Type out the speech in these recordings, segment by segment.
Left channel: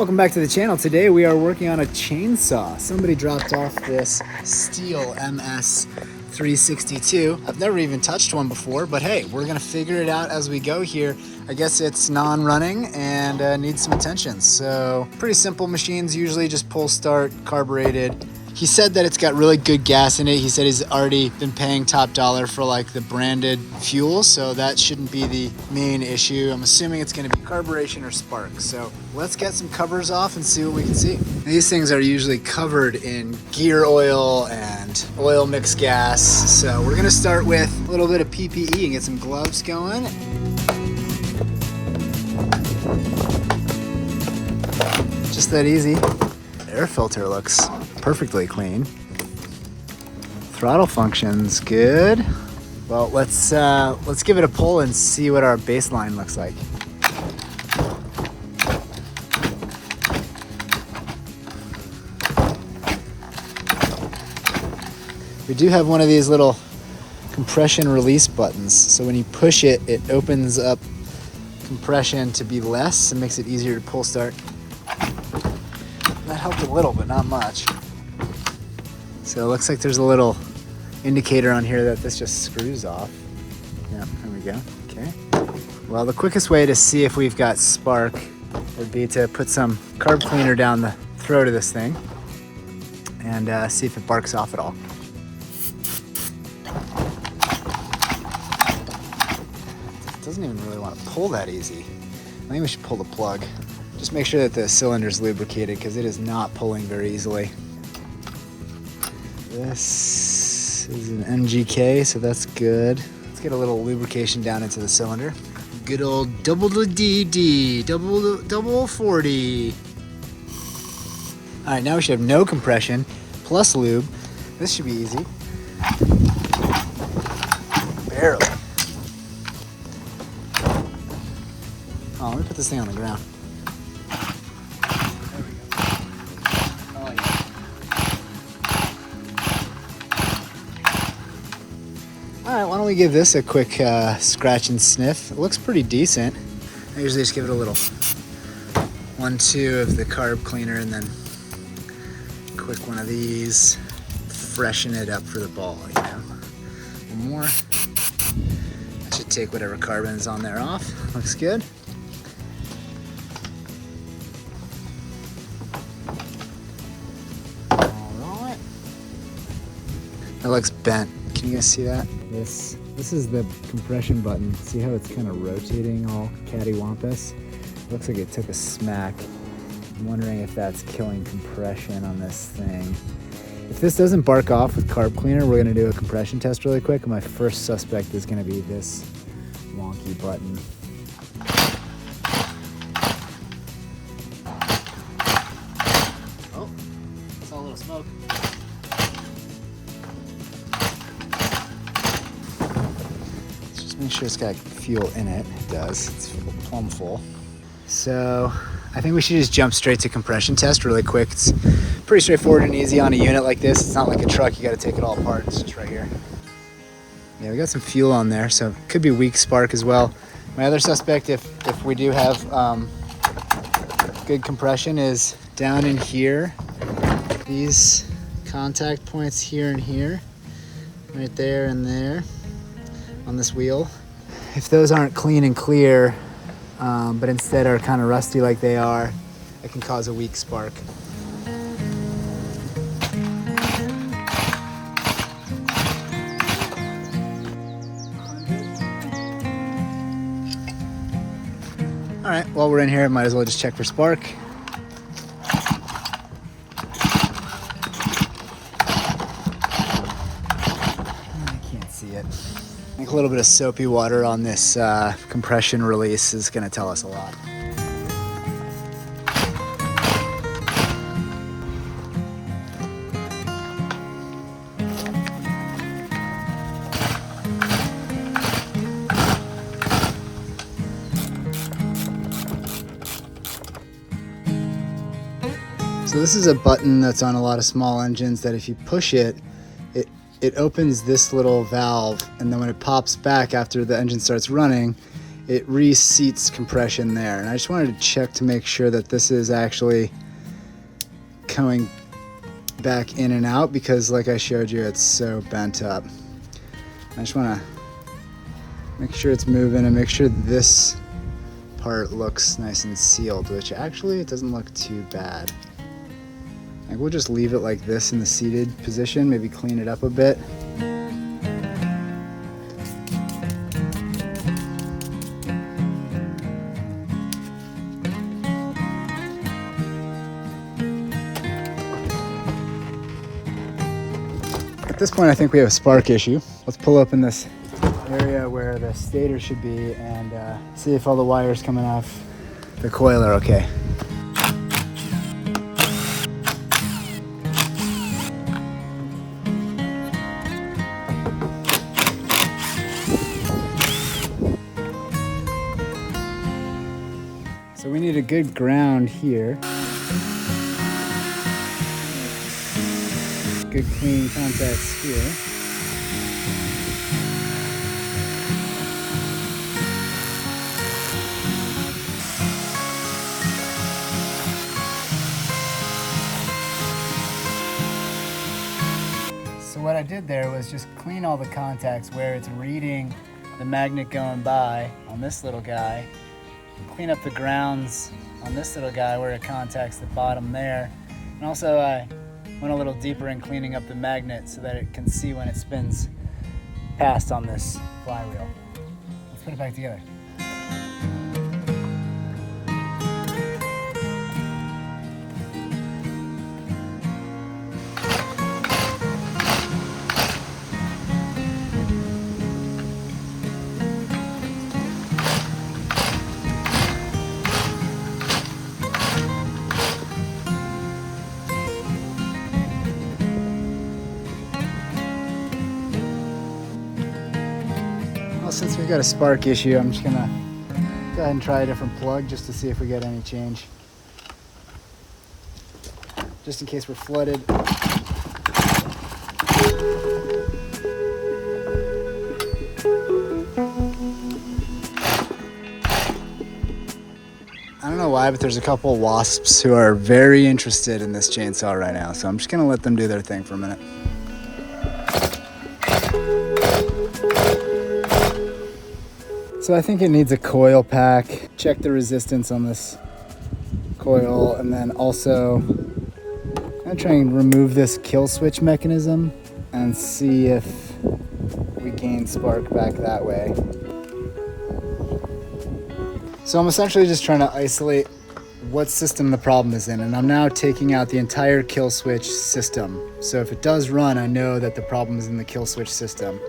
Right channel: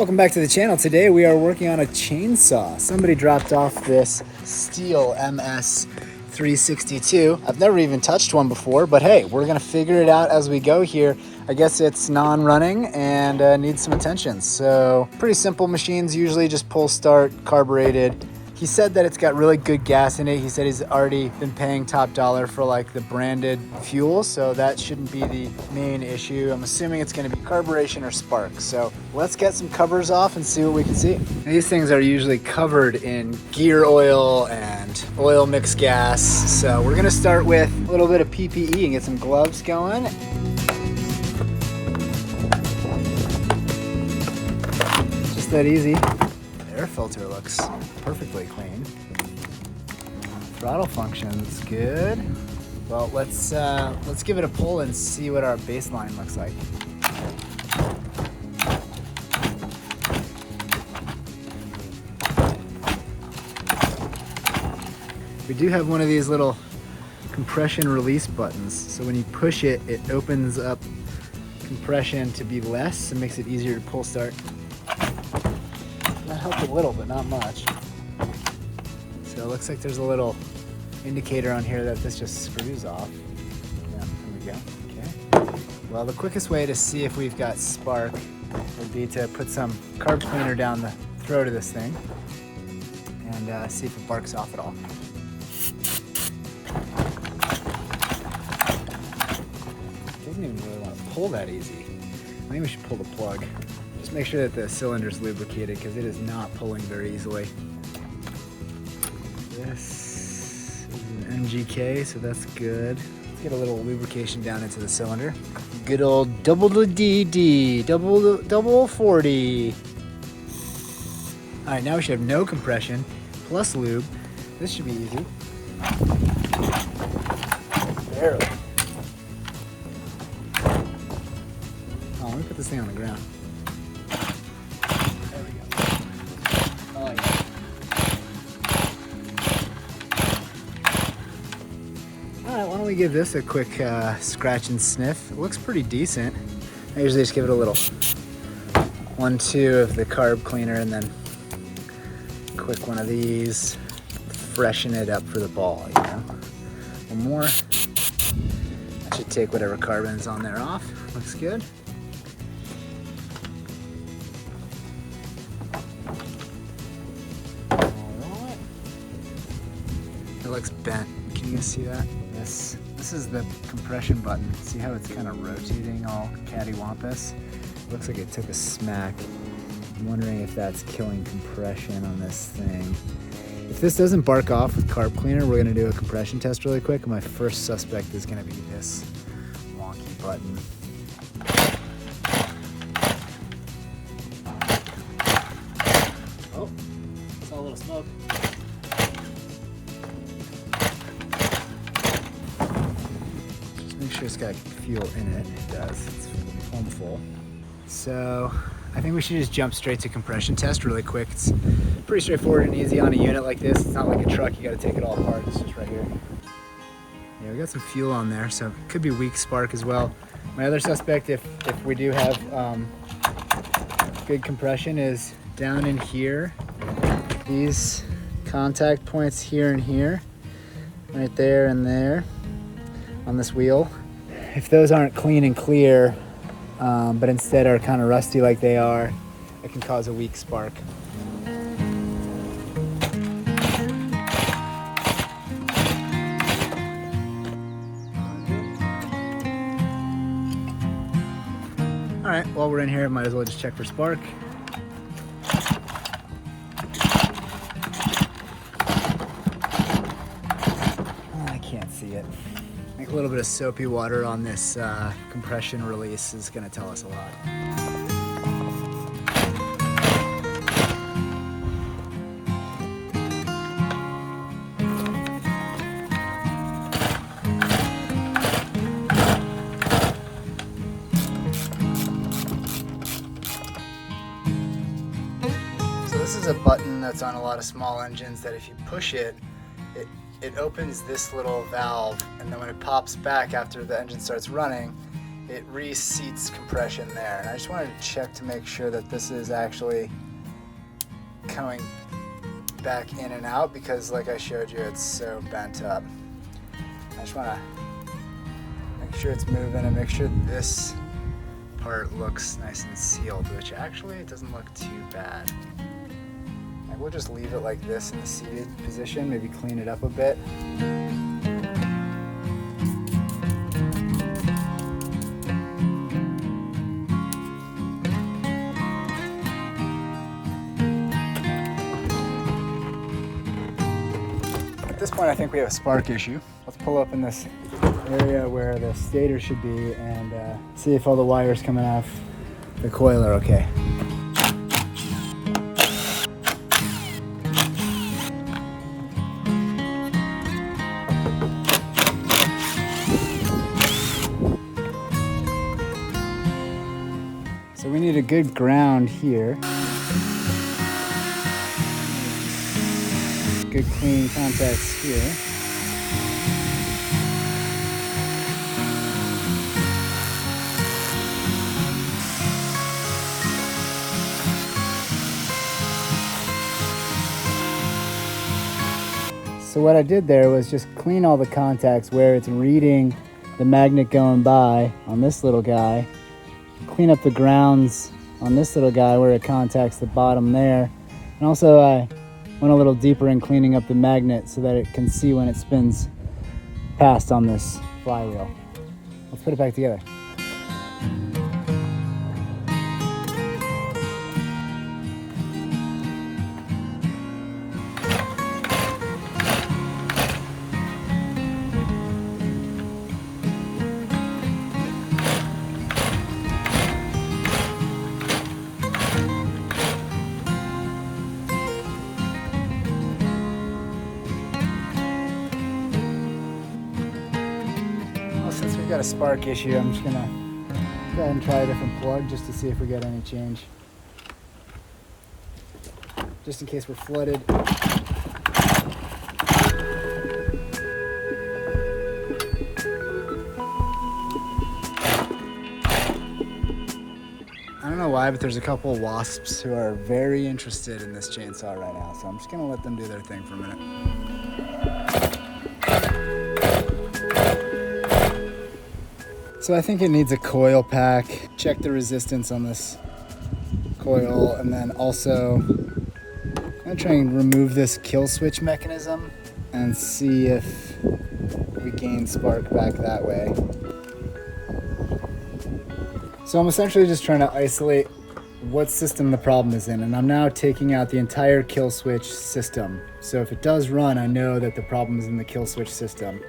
Welcome back to the channel. Today we are working on a chainsaw. Somebody dropped off this STIHL MS 362. I've never even touched one before, but hey, we're gonna figure it out as we go here. I guess it's non-running and needs some attention. So pretty simple machines, usually just pull start, carbureted. He said that it's got really good gas in it. He said he's already been paying top dollar for like the branded fuel, so that shouldn't be the main issue. I'm assuming it's gonna be carburation or spark. So let's get some covers off and see what we can see. These things are usually covered in gear oil and oil mixed gas. So we're gonna start with a little bit of PPE and get some gloves going. Just that easy. Air filter looks perfectly clean. Throttle function's good. Well, let's give it a pull and see what our baseline looks like. We do have one of these little compression release buttons. So when you push it, it opens up compression to be less and makes it easier to pull start. That helped a little, but not much. So it looks like there's a little indicator on here that this just screws off. Yeah, there we go. Okay. Well, the quickest way to see if we've got spark would be to put some carb cleaner down the throat of this thing and see if it barks off at all. It doesn't even really want to pull that easy. I think we should pull the plug. Just make sure that the cylinder's lubricated because it is not pulling very easily. This is an MGK, so that's good. Let's get a little lubrication down into the cylinder. Good old double DD, double 40. All right, now we should have no compression plus lube. This should be easy. Barely. Oh, let me put this thing on the ground. Why don't we give this a quick scratch and sniff. It looks pretty decent. I usually just give it a little 1-2 of the carb cleaner and then a quick one of these. Freshen it up for the ball, you know. One more. That should take whatever carbon's on there off. Looks good. Alright. It looks bent. Can you guys see that? This is the compression button. See how it's kind of rotating all cattywampus? Looks like it took a smack. I'm wondering if that's killing compression on this thing. If this doesn't bark off with carb cleaner, we're gonna do a compression test really quick. And my first suspect is gonna be this wonky button. Oh, saw a little smoke. Make sure it's got fuel in it. It does. It's plumb full. So I think we should just jump straight to compression test really quick. It's pretty straightforward and easy on a unit like this. It's not like a truck. You got to take it all apart. It's just right here. Yeah, we got some fuel on there, so it could be weak spark as well. My other suspect, if we do have good compression, is down in here. These contact points here and here, right there and there on this wheel. If those aren't clean and clear, but instead are kind of rusty like they are, it can cause a weak spark. All right, while we're in here, might as well just check for spark. I can't see it. I think a little bit of soapy water on this compression release is going to tell us a lot. So this is a button that's on a lot of small engines that if you push it, it opens this little valve, and then when it pops back after the engine starts running, it reseats compression there. And I just wanted to check to make sure that this is actually coming back in and out, because like I showed you, it's so bent up. I just want to make sure it's moving and make sure this part looks nice and sealed, which actually it doesn't look too bad. And we'll just leave it like this in the seated position, maybe clean it up a bit. At this point, I think we have a spark issue. Let's pull up in this area where the stator should be and see if all the wires coming off the coil are okay. So we need a good ground here. Good clean contacts here. So what I did there was just clean all the contacts where it's reading the magnet going by on this little guy. Clean up the grounds on this little guy where it contacts the bottom there. And also I went a little deeper in cleaning up the magnet so that it can see when it spins past on this flywheel. Let's put it back together. Since we've got a spark issue, I'm just gonna go ahead and try a different plug just to see if we get any change. Just in case we're flooded. I don't know why, but there's a couple wasps who are very interested in this chainsaw right now, so I'm just gonna let them do their thing for a minute. So I think it needs a coil pack. Check the resistance on this coil, and then also I'm gonna try and remove this kill switch mechanism and see if we gain spark back that way. So I'm essentially just trying to isolate what system the problem is in, and I'm now taking out the entire kill switch system. So if it does run, I know that the problem is in the kill switch system,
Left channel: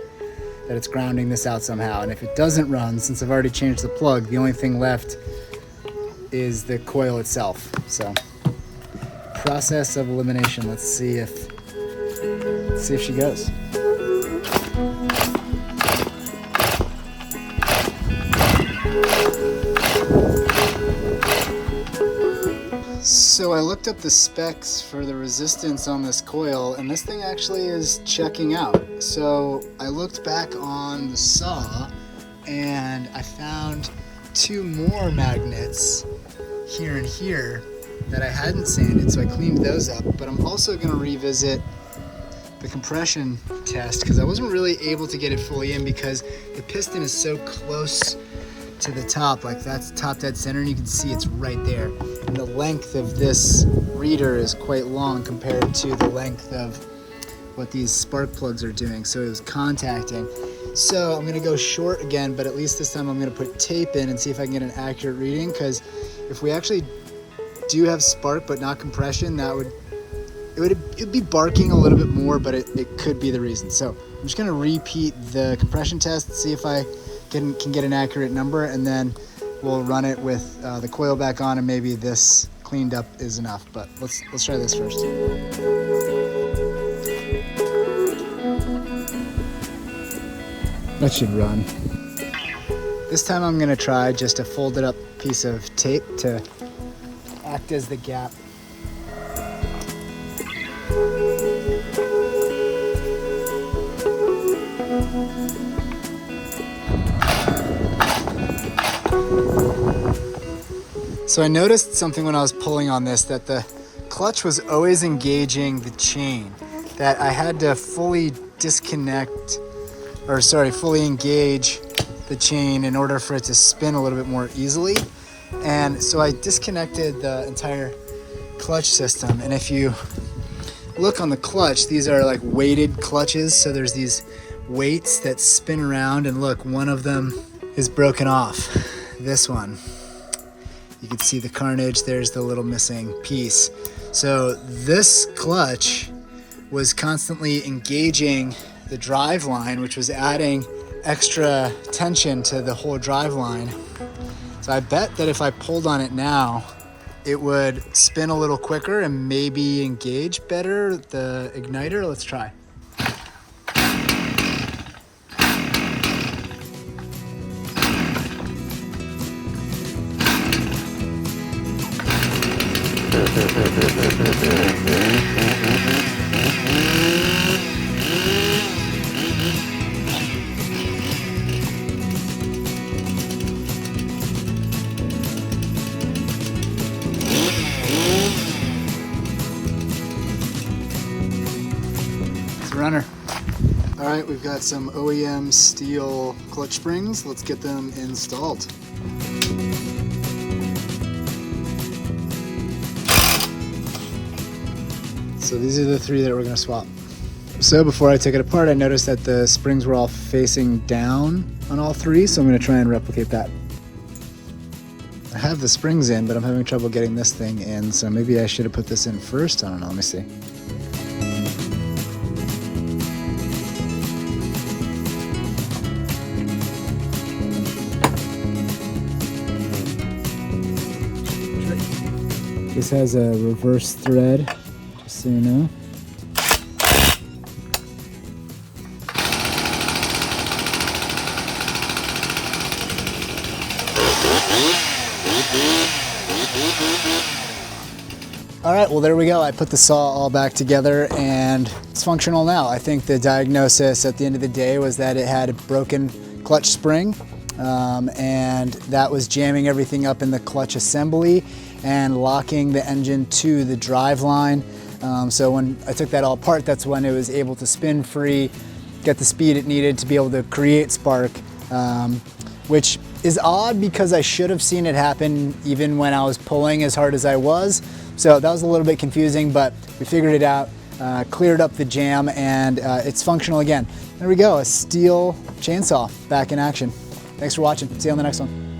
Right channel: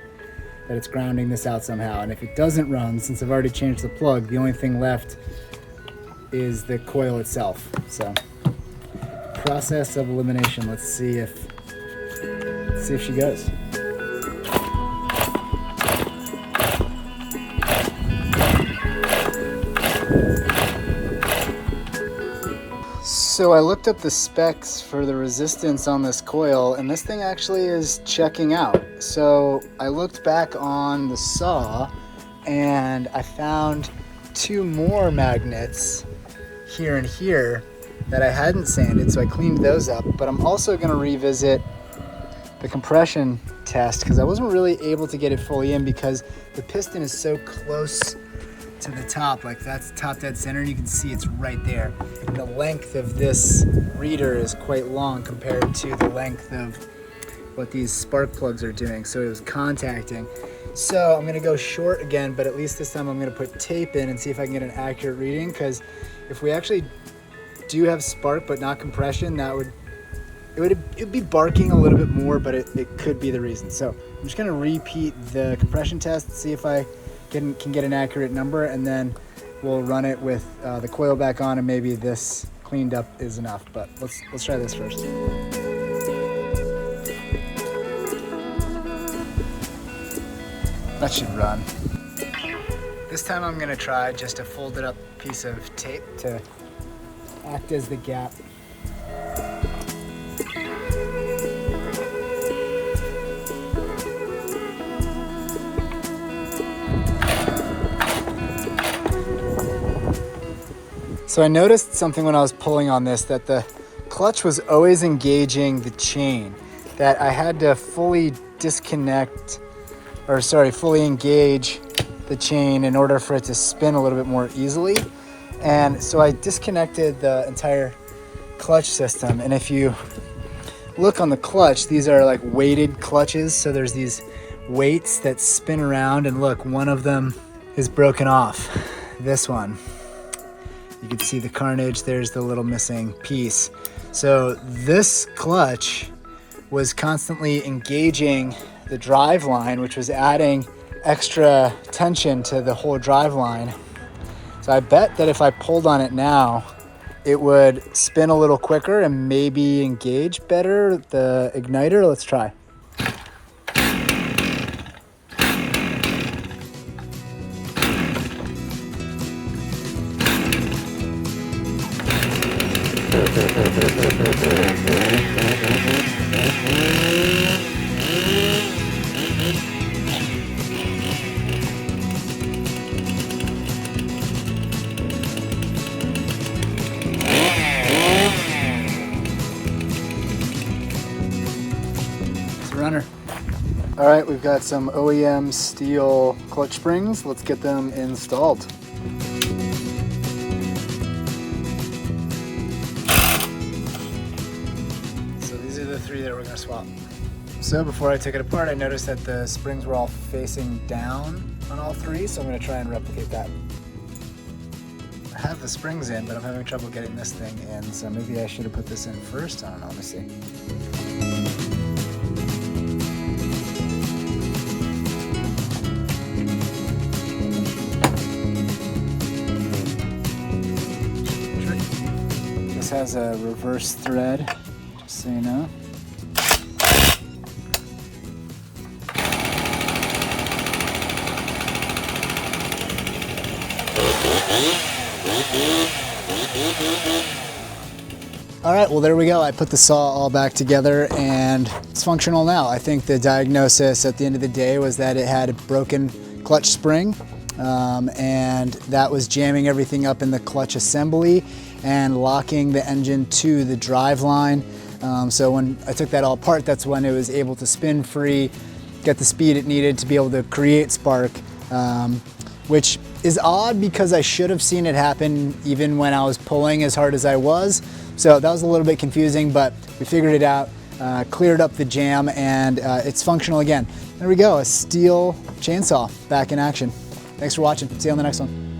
that it's grounding this out somehow. And if it doesn't run, since I've already changed the plug, the only thing left is the coil itself. So process of elimination. Let's see if she goes. So I looked up the specs for the resistance on this coil, and this thing actually is checking out. So I looked back on the saw and I found two more magnets here and here that I hadn't sanded, so I cleaned those up. But I'm also going to revisit the compression test because I wasn't really able to get it fully in because the piston is so close to the top, like that's top dead center, and you can see it's right there. And the length of this reader is quite long compared to the length of what these spark plugs are doing, so it was contacting. So I'm gonna go short again, but at least this time I'm gonna put tape in and see if I can get an accurate reading, because if we actually do have spark but not compression, it'd be barking a little bit more, but it could be the reason. So I'm just gonna repeat the compression test, see if I can get an accurate number, and then we'll run it with the coil back on, and maybe this cleaned up is enough. But let's try this first. That should run. This time I'm gonna try just a folded up piece of tape to act as the gap. So I noticed something when I was pulling on this, that the clutch was always engaging the chain, that I had to fully fully engage the chain in order for it to spin a little bit more easily. And so I disconnected the entire clutch system. And if you look on the clutch, these are like weighted clutches. So there's these weights that spin around, and look, one of them is broken off. This one. You can see the carnage. There's the little missing piece. So this clutch was constantly engaging the drive line, which was adding extra tension to the whole drive line. So I bet that if I pulled on it now, it would spin a little quicker and maybe engage better the igniter. Let's try. It's a runner. All right, we've got some OEM STIHL clutch springs. Let's get them installed. So these are the three that we're going to swap. So before I took it apart, I noticed that the springs were all facing down on all three, so I'm going to try and replicate that. I have the springs in, but I'm having trouble getting this thing in, so maybe I should have put this in first. I don't know, let me see. This has a reverse thread, just so you know. All right, well, there we go. I put the saw all back together and it's functional now. I think the diagnosis at the end of the day was that it had a broken clutch spring, and that was jamming everything up in the clutch assembly and locking the engine to the drive line. So when I took that all apart, that's when it was able to spin free, get the speed it needed to be able to create spark, which is odd because I should have seen it happen even when I was pulling as hard as I was. So that was a little bit confusing, but we figured it out, cleared up the jam, and it's functional again. There we go, a STIHL chainsaw back in action. Thanks for watching. See you on the next one.